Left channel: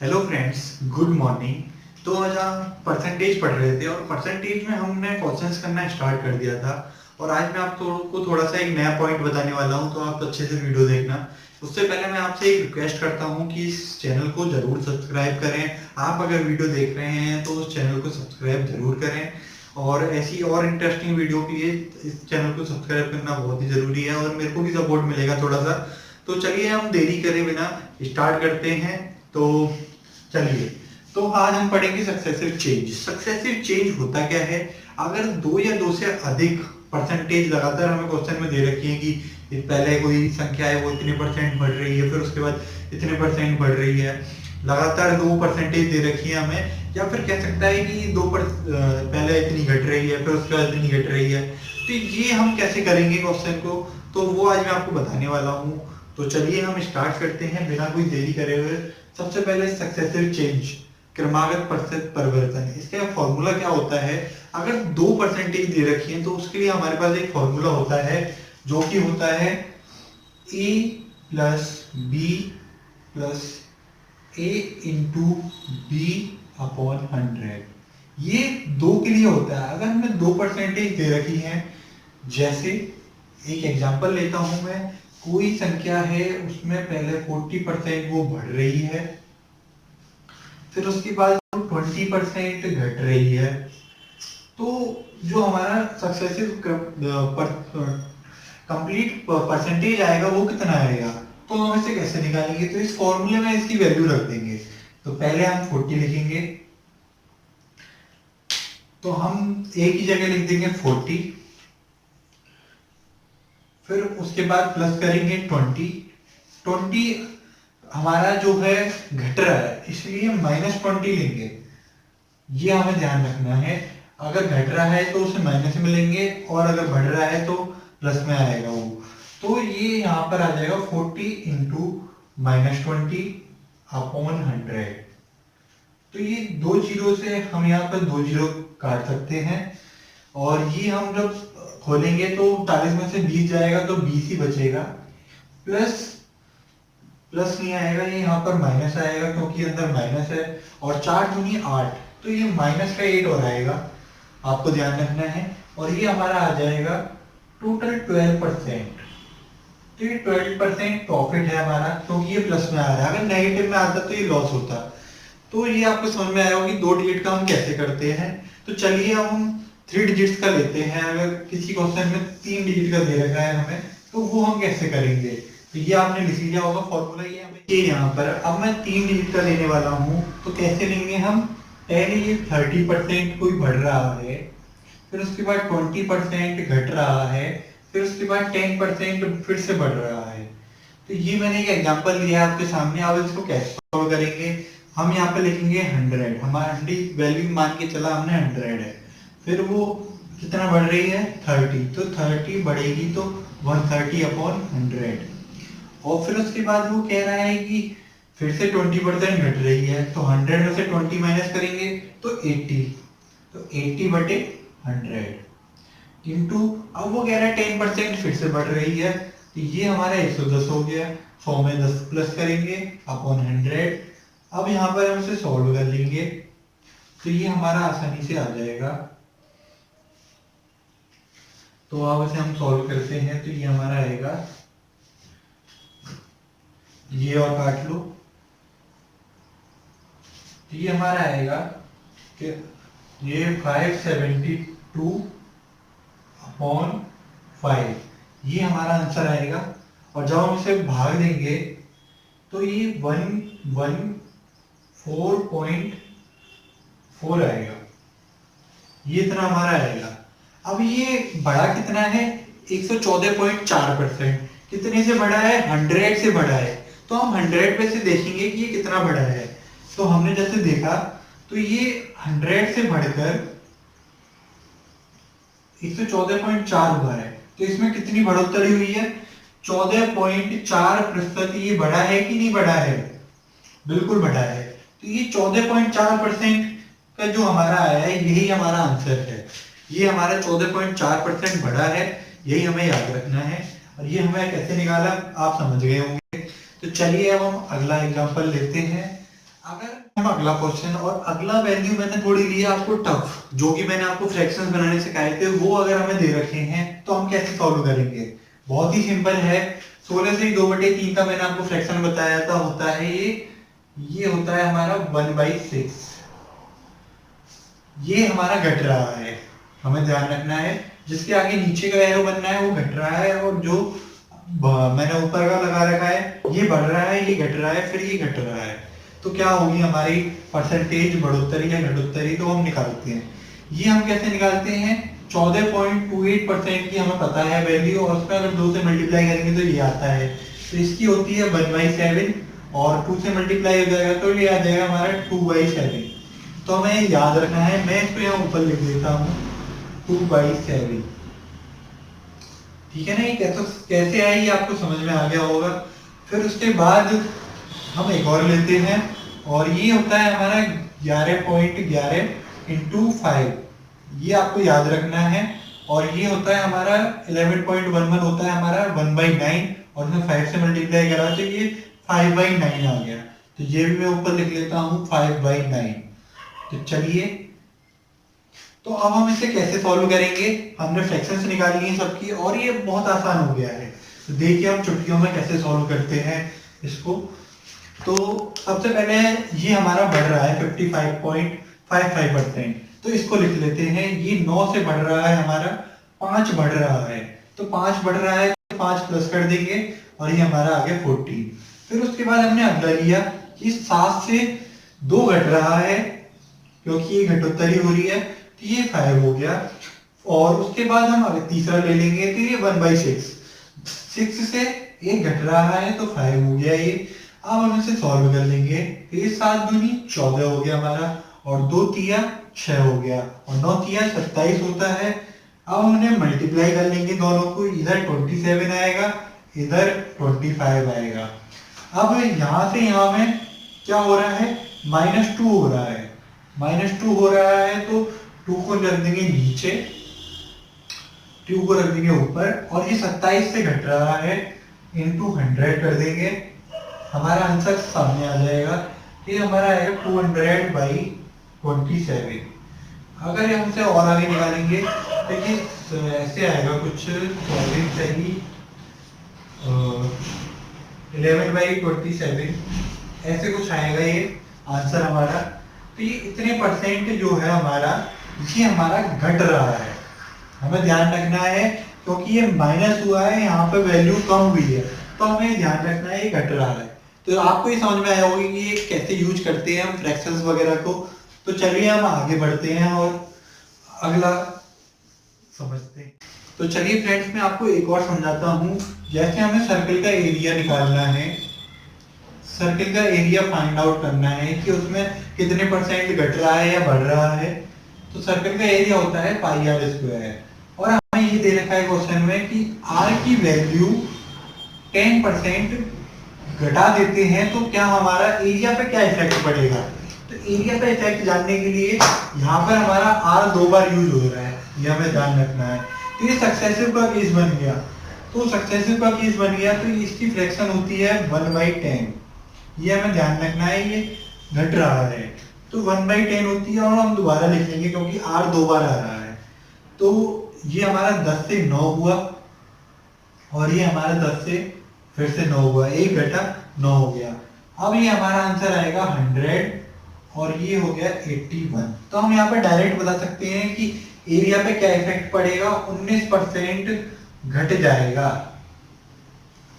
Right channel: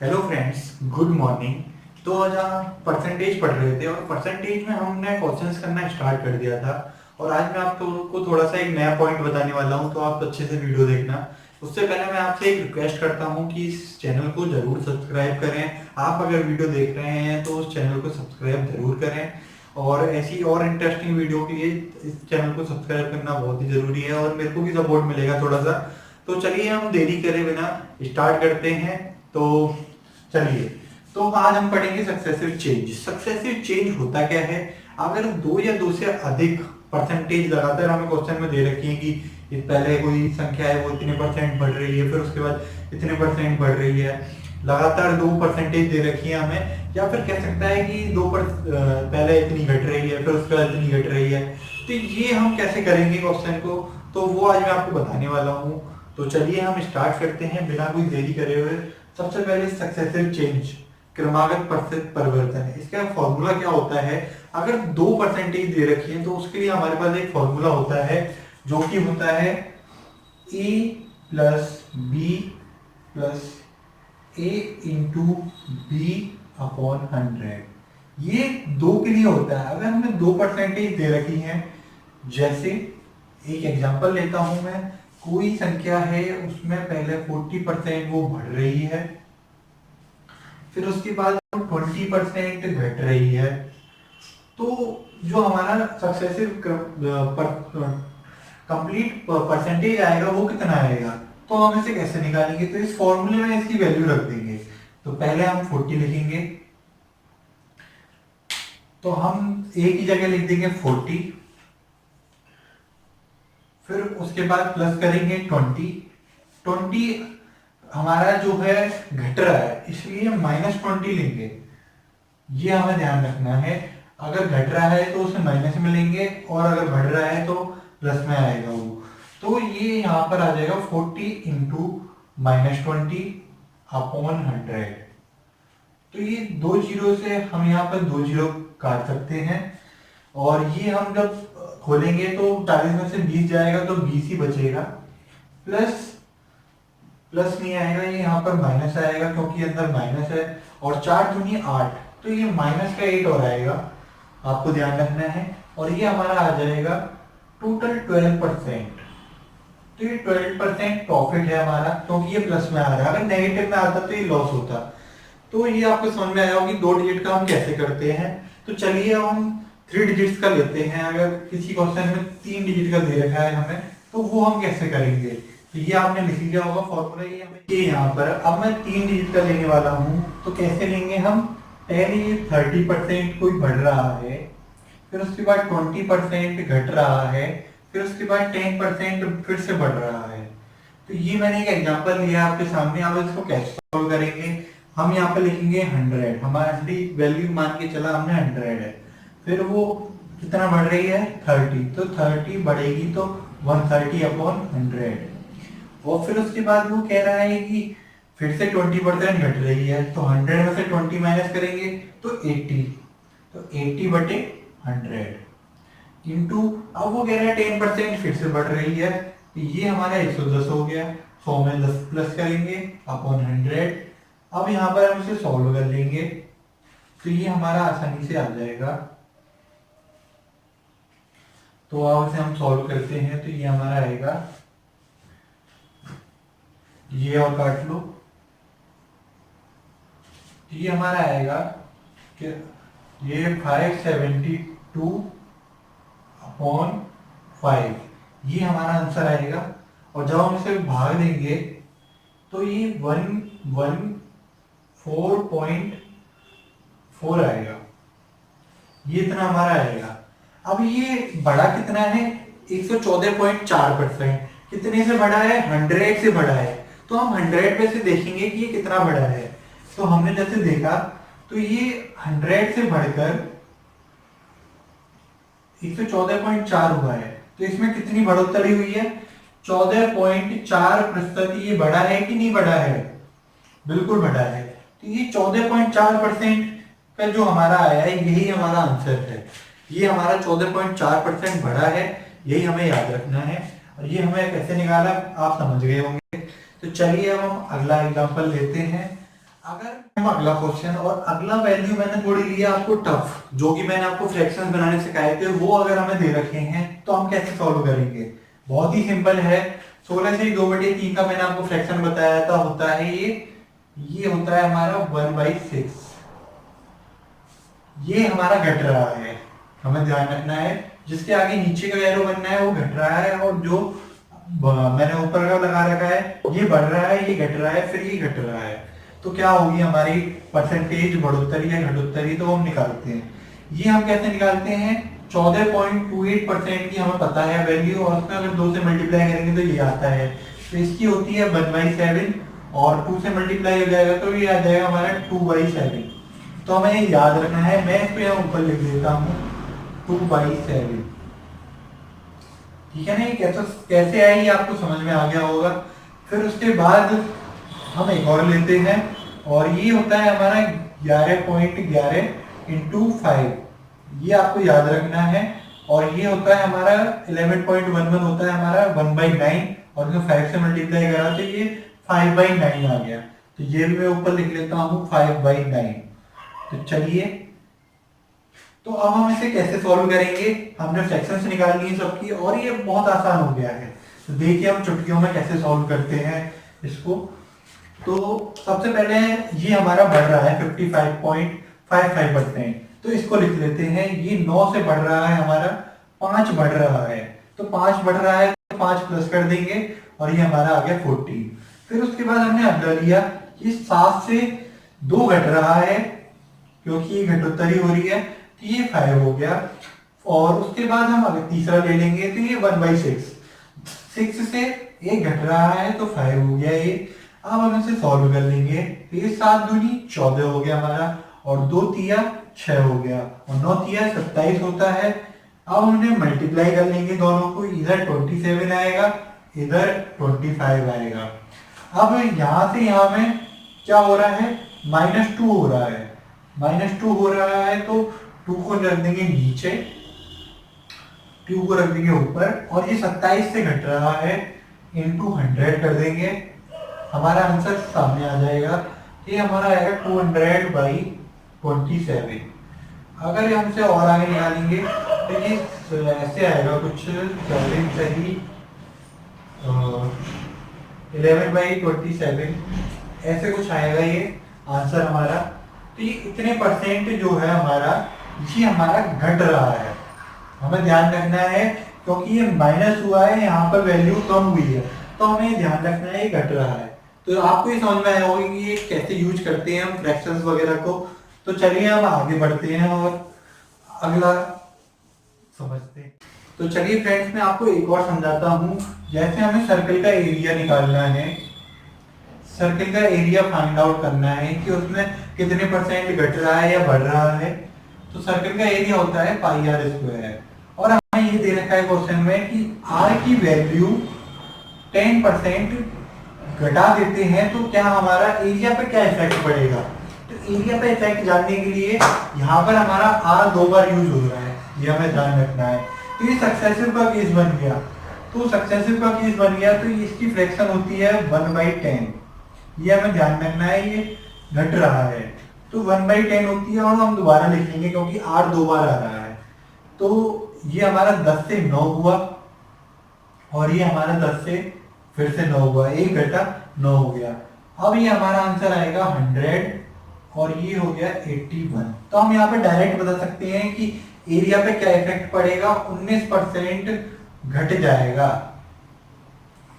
Hello friends, good morning. तो आज हम परसेंटेज पढ़ रहे थे और परसेंटेज में हमने क्वेश्चंस करना स्टार्ट कर दिया था। और आज मैं आपको थोड़ा सा एक नया पॉइंट बताने वाला हूं, तो आप अच्छे से वीडियो देखना। उससे पहले मैं आपसे एक रिक्वेस्ट करता हूं कि इस चैनल को ज़रूर सब्सक्राइब करें। आप अगर वीडियो देख रहे हैं तो उस चैनल को सब्सक्राइब ज़रूर करें। और ऐसी और इंटरेस्टिंग वीडियो के लिए इस चैनल को सब्सक्राइब करना बहुत ही ज़रूरी है और मेरे को भी सपोर्ट मिलेगा थोड़ा सा। तो चलिए हम देरी करे बिना स्टार्ट करते हैं। तो चलिए, तो आज हम पढ़ेंगे सक्सेसिव चेंज। सक्सेसिव चेंज होता क्या है? अगर दो या दो से अधिक परसेंटेज लगातार हमें क्वेश्चन में दे रखी है कि पहले कोई संख्या है वो इतने परसेंट बढ़ रही है, फिर उसके बाद इतने परसेंट बढ़ रही है, लगातार दो परसेंटेज दे रखी है हमें, या फिर कह सकता है कि पहले इतनी घट रही है फिर उसके बाद इतनी घट रही है। तो ये हम कैसे करेंगे क्वेश्चन को, तो वो आज मैं आपको बताने वाला हूँ। तो चलिए हम स्टार्ट करते हैं बिना कोई देरी करे हुए। सबसे पहले सक्सेसिव चेंज, क्रमागत प्रतिशत परिवर्तन, इसका फॉर्मूला क्या होता है? अगर दो परसेंटेज दे रखी है तो उसके लिए हमारे पास एक फॉर्मूला होता है जो कि होता है ए प्लस बी प्लस ए इंटू बी अपॉन 100। ये दो के लिए होता है। अगर हमें दो परसेंटेज दे रखी है, जैसे एक एग्जांपल लेता हूं मैं, कोई संख्या है उसमें पहले 40% वो बढ़ रही है, फिर उसके बाद 20% घट रही है। तो जो हमारा सक्सेसिव कंप्लीट परसेंटेज आएगा वो कितना आएगा? तो हम इसे कैसे निकालेंगे? तो इस फॉर्मूले में इसकी वैल्यू रख देंगे। तो पहले हम 40 लिखेंगे, तो हम ए की जगह लिख देंगे 40, फिर उसके बाद प्लस करेंगे 20 हमारा जो है घट रहा है इसलिए -20 लेंगे। ये हमें ध्यान रखना है। अगर घट रहा है तो उसे माइनस में लेंगे और अगर बढ़ रहा है तो प्लस में आएगा वो। तो ये यहाँ पर आ जाएगा 40 इंटू -20 अपॉन 100। तो ये दो जीरो से हम यहाँ पर दो जीरो काट सकते हैं। और ये हम जब खोलेंगे तो 40 में से 20 जाएगा तो 20 ही बचेगा। प्लस प्लस नहीं आएगा, ये यहाँ पर माइनस आएगा क्योंकि अंदर माइनस है। और 4 दूनी 8, तो ये माइनस का 8 और आएगा, आपको ध्यान रखना है। और ये हमारा आ जाएगा टोटल 12%। तो ये 12% प्रॉफिट है हमारा, क्योंकि ये प्लस में आ रहा है। अगर नेगेटिव में आता तो ये लॉस होता। तो ये आपको समझ में आया होगा कि दो डिजिट का हम कैसे करते हैं। तो चलिए अब हम थ्री डिजिट्स का लेते हैं। अगर किसी क्वेश्चन में तीन डिजिट का दे रखा है हमें, तो वो हम कैसे करेंगे? तो ये आपने लिख लिया होगा फॉर्मूला। ये यहाँ पर अब मैं तीन डिजिट का लेने वाला हूँ, तो कैसे लेंगे हम? पहले ये 30% कोई बढ़ रहा है, फिर उसके बाद 20% घट रहा है, फिर उसके बाद 10% फिर से बढ़ रहा है। तो ये मैंने एक एग्जांपल लिया आपके सामने। अब इसको कैसे सॉल्व करेंगे? हम यहाँ पे लिखेंगे 100। हमारा वैल्यू मान के चला हमने 100 है, फिर वो कितना बढ़ रही है? 30। तो 30 बढ़ेगी तो 130 अपॉन 100। और फिर उसके बाद वो कह रहा है कि फिर से 20% घट रही है, तो 100 में से 20 माइनस करेंगे तो 80। तो 80 बटे 100 इंटू, अब वो कह रहा है 10% फिर से बढ़ रही है, तो ये हमारा 110 हो गया। 100 में 10 प्लस करेंगे अपॉन 100। अब यहाँ पर हम इसे सॉल्व कर लेंगे, तो ये हमारा आसानी से आ जाएगा। तो अब इसे हम सॉल्व करते हैं, तो ये हमारा आएगा, ये और काट लो, तो ये हमारा आएगा कि ये 572 अपॉन 5, ये हमारा आंसर आएगा। और जब हम इसे भाग देंगे तो ये 114.4 आएगा। ये इतना हमारा आएगा। अब ये बड़ा कितना है? 114.4%। कितने से बड़ा है? 100 से बड़ा है। तो हम 100 पे से देखेंगे कि ये कितना बड़ा है। तो हमने जैसे देखा, तो ये 100 से बढ़कर 114.4 हुआ है। तो इसमें कितनी बढ़ोतरी हुई है? 14.4%। ये बड़ा है कि नहीं बड़ा है? बिल्कुल बड़ा है। तो ये 14.4% का जो हमारा आया है, यही हमारा आंसर है। ये हमारा 14.4% बड़ा है, यही हमें याद रखना है। और ये हमें कैसे निकाला आप समझ गए होंगे। तो चलिए अब हम अगला एग्जांपल लेते हैं। अगर हम अगला क्वेश्चन, और अगला वैल्यू मैंने थोड़ी लिया आपको टफ, जो कि मैंने आपको फ्रैक्शंस बनाने सिखाए थे, वो अगर हमें दे रखे हैं तो हम कैसे सॉल्व करेंगे। बहुत ही सिंपल है। 16 से 2/3 का मैंने आपको फ्रैक्शन बताया था, होता है ये होता है हमारा 1/6। ये हमारा घट रहा है, हमें ध्यान रखना है। जिसके आगे नीचे का एरो बनना है वो घट रहा है, और जो मैंने ऊपर का लगा रखा है ये बढ़ रहा है, ये घट रहा है, फिर ये घट रहा है। तो क्या होगी हमारी परसेंटेज, बढ़ोतरी या घटोत्तरी, तो हम निकालते हैं। ये हम कैसे निकालते हैं, 14.28% की हमें पता है वैल्यू, और उसमें अगर 2 से मल्टीप्लाई करेंगे तो ये आता है। तो इसकी होती है 1/7, और 2 से मल्टीप्लाई हो जाएगा तो ये आ जाएगा हमारा 2/7। तो हमें ये याद रखना है। मैं इसको यहाँ ऊपर लिख देता हूँ 2/7। ठीक है ना। ये कैसे आई ये आपको समझ में आ गया होगा। फिर उसके बाद हम एक और लेते हैं, और ये होता है हमारा 11.11 इंटू 5। ये आपको याद रखना है। और ये होता है हमारा 11.11 होता है हमारा 1/9, और इसमें 5 से मल्टीप्लाई करा तो ये 5/9 आ गया। तो ये भी मैं ऊपर लिख लेता हूँ 5/9। तो चलिए, तो अब हम इसे कैसे सॉल्व करेंगे। हमने फ्रैक्शंस निकाल ली हैं सबकी, और ये बहुत आसान हो गया है। तो देखिए हम चुटकियों में कैसे सॉल्व करते हैं इसको। तो सबसे पहले ये हमारा बढ़ रहा है 55.55%, तो इसको लिख लेते हैं। ये 9 से बढ़ रहा है हमारा, 5 बढ़ रहा है, तो 5 बढ़ रहा है तो 5 प्लस कर देंगे, और ये हमारा आ गया 14। फिर उसके बाद हमने अगला लिया कि 7 से 2 घट रहा है, क्योंकि ये घटोत्तरी हो रही है, तो ये 5 हो गया। और उसके बाद हम अगर तीसरा ले लेंगे तो ये 1/6, 6 से 1 घट रहा है तो 5 हो गया ये। अब हम इसे सॉल्व कर लेंगे, तो ये 7 दूनी 14 हो गया हमारा, और 2 तिया 6 हो गया, और 9 तिया 27 होता है। अब हमने मल्टीप्लाई कर लेंगे दोनों को, इधर 27 आएगा, इधर 25 आएगा। अब यहाँ से यहाँ में क्या हो रहा है, -2 हो रहा है। -2 हो रहा है तो 2 को रख देंगे नीचे, 2 को रख देंगे ऊपर, और ये 27 से घट रहा है, इंटू 100 कर देंगे। हमारा आंसर सामने आ जाएगा। ये हमारा आएगा 200/27। अगर हम इसे और आगे निकालेंगे, देखिए ऐसे आएगा कुछ 7 सही 11/27, ऐसे कुछ आएगा ये आंसर हमारा। तो ये इतने परसेंट जो है हमारा, ये हमारा घट रहा है। हमें ध्यान रखना है, क्योंकि ये माइनस हुआ है, यहाँ पर वैल्यू कम हुई है, तो हमें ध्यान रखना है ये घट रहा है। तो आपको ये समझ में आया होगा कि ये कैसे यूज करते हैं हम फ्रैक्शंस वगैरह को। तो चलिए हम आगे बढ़ते हैं और अगला समझते हैं। तो चलिए फ्रेंड्स, मैं आपको एक और समझाता हूँ। जैसे हमें सर्कल का एरिया निकालना है, सर्कल का एरिया फाइंड आउट करना है कि उसमें कितने परसेंट घट रहा है या बढ़ रहा है। तो सर्कल का एरिया होता है πr², और हमें ये दे रखा है क्वेश्चन में कि r की वैल्यू 10% घटा देते हैं तो क्या हमारा एरिया पे क्या इफेक्ट पड़ेगा। तो एरिया पे इफेक्ट जानने के लिए यहाँ पर हमारा r 2 बार यूज हो रहा है, ये हमें ध्यान रखना है। तो ये सक्सेसिव का केस बन गया, तो सक्सेसिव का केस बन गया तो इसकी फ्रैक्शन होती है 1/10। ये हमें ध्यान रखना है, ये घट रहा है तो 1/10 होती है, और हम दोबारा लिख लेंगे क्योंकि r 2 बार आ रहा है। तो ये हमारा 10 से 9 हुआ, और ये हमारा 10 से फिर से 9 हुआ, 1 घटा 9 हो गया। अब ये हमारा आंसर आएगा 100, और ये हो गया 81। तो हम यहाँ पर डायरेक्ट बता सकते हैं कि एरिया पे क्या इफेक्ट पड़ेगा, 19% घट जाएगा,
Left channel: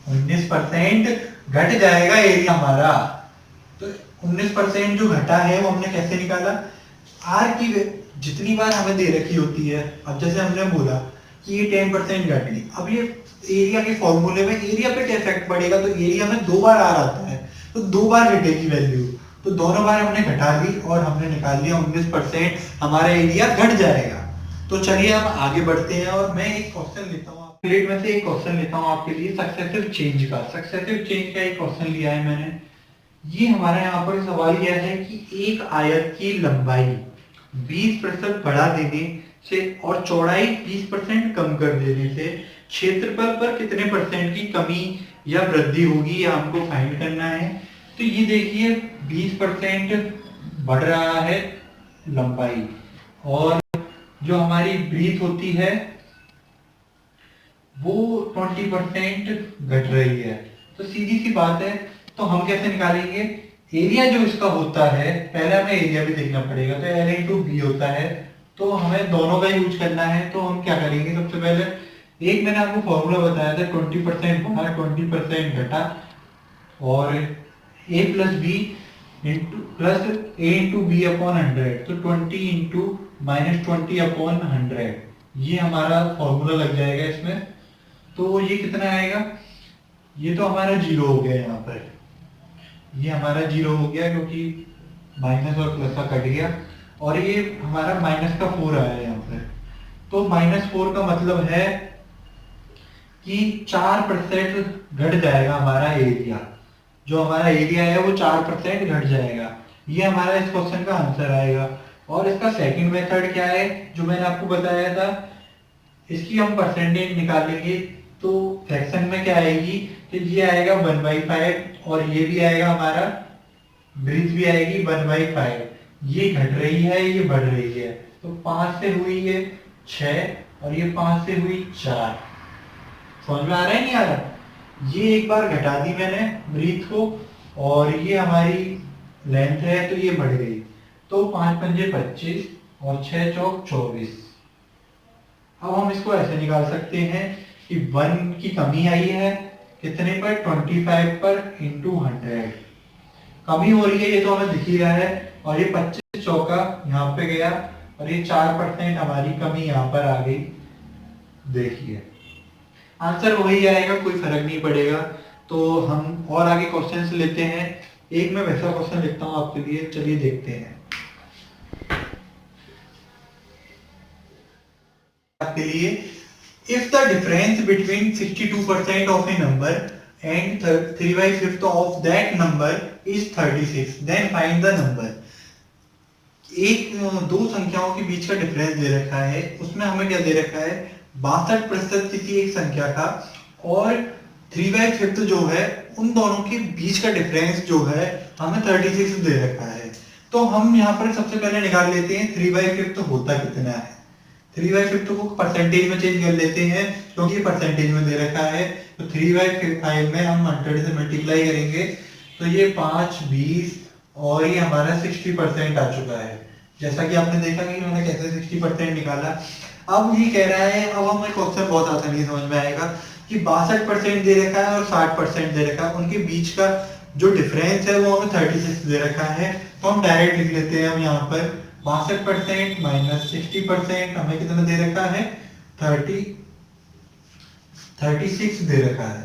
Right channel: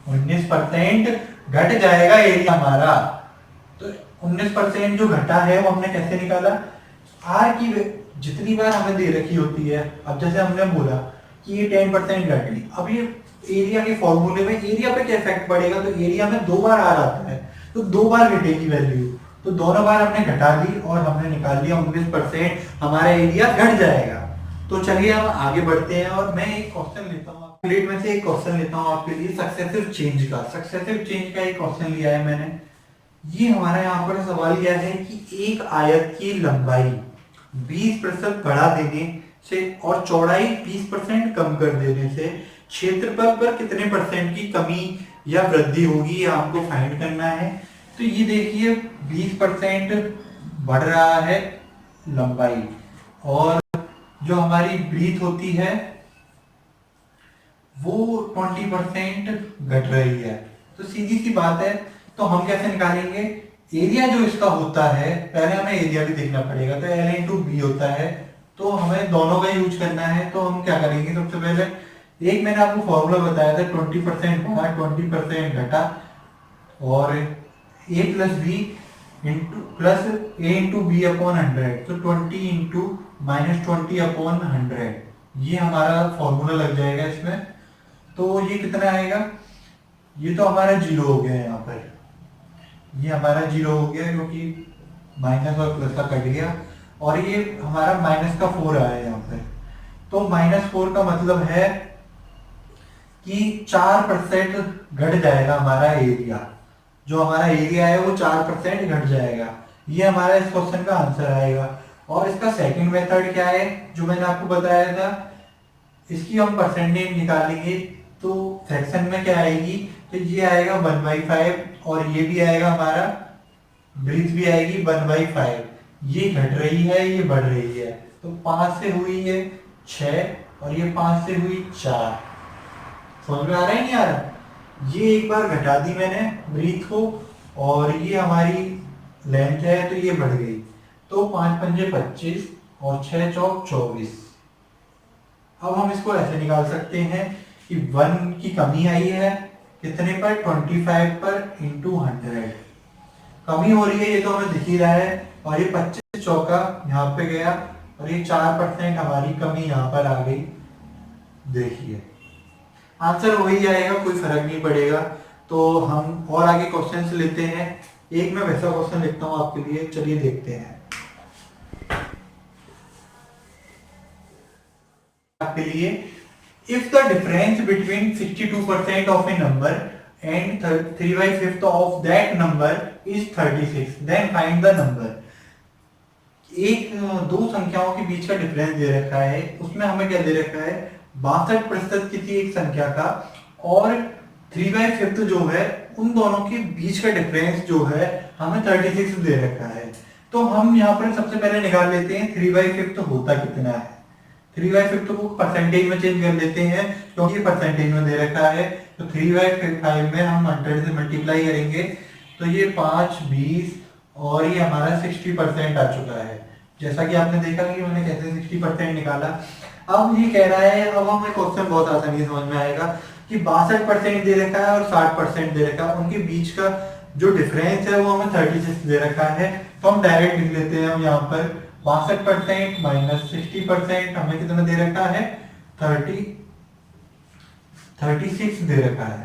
19% घट जाएगा एरिया हमारा। तो 19% जो घटा है वो हमने कैसे निकाला, आर की जितनी बार हमें दे रखी होती है, अब जैसे हमने बोला कि ये 10% घटी, अब ये एरिया के फॉर्मूले में एरिया पे क्या इफेक्ट पड़ेगा, तो एरिया में 2 बार आर आता है तो 2 बार घटेगी वैल्यू, तो दोनों बार हमने घटा ली और हमने निकाल लिया 19% हमारा एरिया घट जाएगा। तो चलिए हम आगे बढ़ते हैं, और मैं एक क्वेश्चन लेता हूँ प्लेट में से, एक क्वेश्चन लेता हूँ आपके लिए सक्सेसिव चेंज का। सक्सेसिव चेंज का एक क्वेश्चन लिया है मैंने। ये हमारा यहाँ पर सवाल यह है कि एक आयत की लंबाई 20% बढ़ा देने से और चौड़ाई 20% कम कर देने से क्षेत्रफल पर कितने परसेंट की कमी या वृद्धि होगी, ये हमको फाइंड करना है। तो ये देखिए 20% बढ़ रहा है लंबाई, और जो हमारी ब्रीथ होती है वो 20% घट रही है। तो सीधी सी बात है, तो हम कैसे निकालेंगे एरिया जो इसका होता है, पहले हमें एरिया भी देखना पड़ेगा। तो L इंटू बी होता है, तो हमें दोनों का यूज करना है। तो हम क्या करेंगे, सबसे पहले एक मैंने आपको फॉर्मूला बताया था, 20% बढ़ा 20% घटा, और ए प्लस बी इंटू प्लस ए इंटू बी अपॉन 100, तो 20 इंटू -20 अपॉन 100, ये हमारा फॉर्मूला लग जाएगा इसमें। तो ये कितना आएगा, ये तो हमारा जीरो हो गया यहाँ पर, ये हमारा जीरो हो गया क्योंकि माइनस और प्लस का कट गया, और ये हमारा -4 आया यहाँ पर। तो -4 का मतलब है कि 4% घट जाएगा हमारा एरिया, जो हमारा एरिया है वो 4% घट जाएगा। ये हमारा इस क्वेश्चन का आंसर आएगा। और इसका सेकंड मेथड क्या है, जो मैंने आपको बताया था, इसकी हम परसेंटेज निकालेंगे। तो फ्रैक्शन में क्या आएगी, तो ये आएगा 1/5, और ये भी आएगा हमारा ब्रीथ भी आएगी 1/5। ये घट रही है, ये बढ़ रही है। तो 5 से हुई है 6, और ये 5 से हुई 4। समझ में आ रहा है नहीं आ रहा। ये एक बार घटा दी मैंने ब्रीथ को, और ये हमारी लेंथ है तो ये बढ़ गई। तो 5 पंजे 25 और 6 चौक 24। अब हम इसको ऐसे निकाल सकते हैं कि 1 की कमी आई है कितने पर, 25 पर इंटू 100 कमी हो रही है, ये तो हमें दिख ही रहा है। और ये 25 चौका यहाँ पे गया, और ये 4% हमारी कमी यहाँ पर आ गई। देखिए आंसर वही आएगा, कोई फर्क नहीं पड़ेगा। तो हम और आगे क्वेश्चंस लेते हैं। एक मैं वैसा क्वेश्चन लिखता हूँ आपके लिए, चलिए देखते हैं। आपके लिए, if the difference between 62% of a number and 3/5 of that number is 36, then find the number। एक दो संख्याओं के बीच का डिफरेंस दे रखा है, उसमें हमें क्या दे रखा है, 62% किसी एक संख्या का, और 3/5 जो है उन दोनों के बीच का डिफरेंस जो है हमें 36 दे रखा है। तो हम यहाँ पर सबसे पहले निकाल लेते हैं 3/5 होता कितना है। 3/5 को परसेंटेज में चेंज कर लेते हैं, क्योंकि ये परसेंटेज में दे रखा है। तो 3/5 में हम 100 से मल्टीप्लाई करेंगे, तो ये 5 20, और ये हमारा 60% आ चुका है। जैसा कि आपने देखा कि मैंने कैसे 60% निकाला। अब ये कह रहा है, अब हमें क्वेश्चन बहुत आसानी से समझ में आएगा कि 62% दे रखा है और 60% दे रखा है, उनके बीच का जो डिफरेंस है वो हमें 36 दे रखा है। तो हम डायरेक्ट लिख लेते हैं, हम यहाँ पर 62% माइनस 60% हमें कितना दे रखा है, 36 दे रखा है।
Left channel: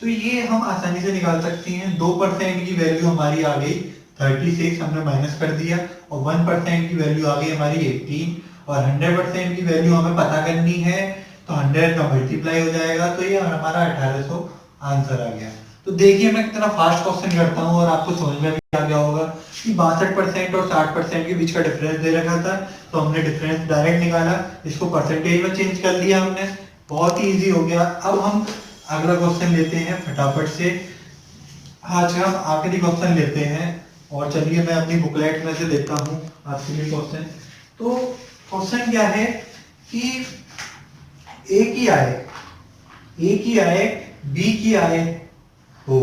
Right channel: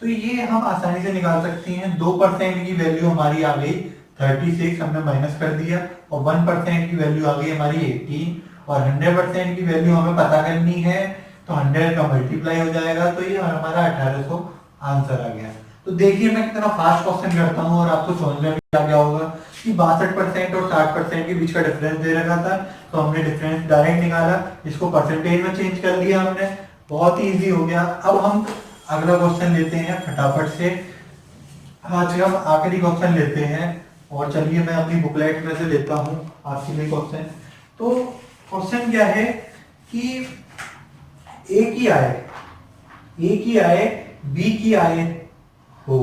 तो ये हम आसानी से निकाल सकते हैं। 2% की वैल्यू हमारी आ गई 36, हमने माइनस कर दिया, और 1% की वैल्यू आ गई हमारी 18, और 100% की वैल्यू हमें पता करनी है, तो 100 का मल्टीप्लाई हो जाएगा, तो ये हमारा 1800 आंसर आ गया। तो देखिए मैं कितना फास्ट क्वेश्चन करता हूँ, और आपको समझ में भी आ गया होगा कि 62% और 60% के बीच का डिफरेंस दे रखा था, तो हमने डिफरेंस डायरेक्ट निकाला, इसको परसेंटेज में चेंज कर लिया हमने, बहुत ही इजी हो गया। अब हम अगला क्वेश्चन लेते हैं फटाफट से। आज हम आखिरी क्वेश्चन लेते हैं, और चलिए मैं अपनी बुकलेट में से लेता हूँ आपके लिए क्वेश्चन। तो क्वेश्चन क्या है कि ए की आय बी की आय हो,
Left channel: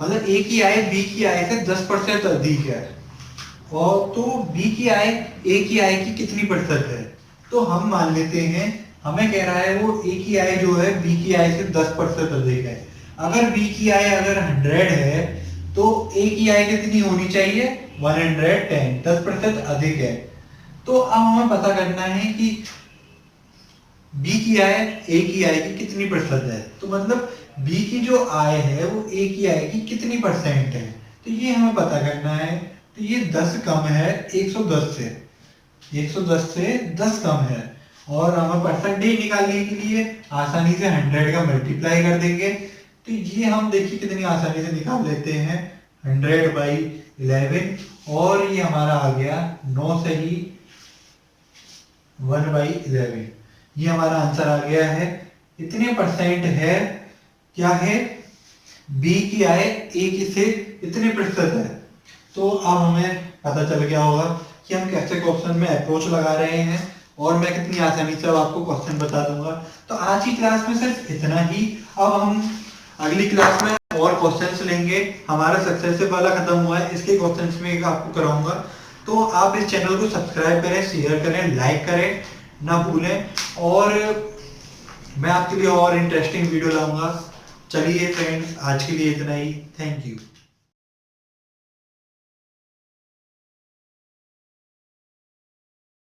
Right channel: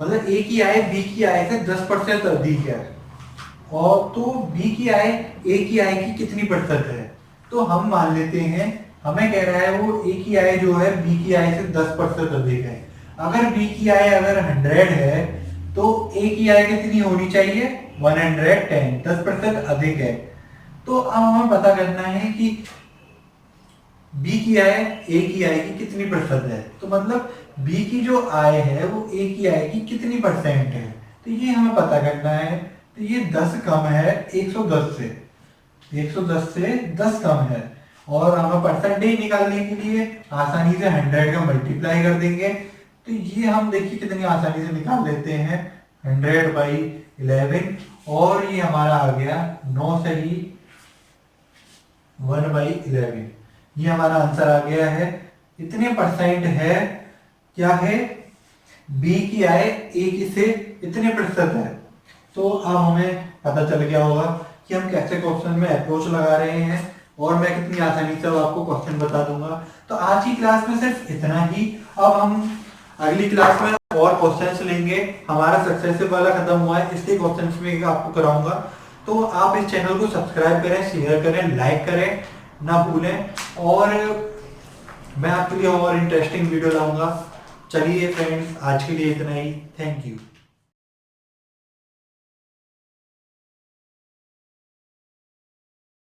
मतलब ए की आय बी की आय से 10% अधिक है, और तो बी की आय ए की आय की कितनी प्रतिशत है। तो हम मान लेते हैं, हमें कह रहा है वो ए की आय जो है बी की आय से 10% अधिक है। अगर बी की आय अगर 100 है, तो ए की आय कितनी होनी चाहिए, 110, 10% अधिक है। तो अब हमें पता करना है कि बी की आय ए की आय की कितनी प्रतिशत है। तो मतलब बी की जो आय है वो ए की आय की कितनी परसेंट है, तो ये हमें पता करना है। तो ये 10 कम है 110 से, 110 से 10 कम है, और हमें परसेंटेज निकालने के लिए आसानी से 100 का मल्टीप्लाई कर देंगे। तो ये हम देखिए कितनी आसानी से निकाल लेते हैं, 100/11, और ये हमारा आ गया 9 से ही 1/11, ये हमारा आंसर आ गया है। इतने परसेंट है, क्या है, बी की आय ए की से इतने प्रतिशत है। तो अब हमें पता चल गया होगा कि हम कैसे क्वेश्चन में अप्रोच लगा रहे हैं और मैं कितनी आसानी से अब आपको क्वेश्चन बता दूंगा। तो आज की क्लास में सिर्फ इतना ही। अब हम अगली क्लास में और क्वेश्चंस लेंगे। हमारा सक्सेसिव वाला खत्म हुआ है, इसके क्वेश्चंस में आपको कराऊंगा। तो आप इस चैनल को सब्सक्राइब करें, शेयर करें, लाइक करें ना भूलें, और मैं आपके लिए और इंटरेस्टिंग वीडियो लाऊंगा। चलिए फ्रेंड्स, आज के लिए इतना ही। Thank you.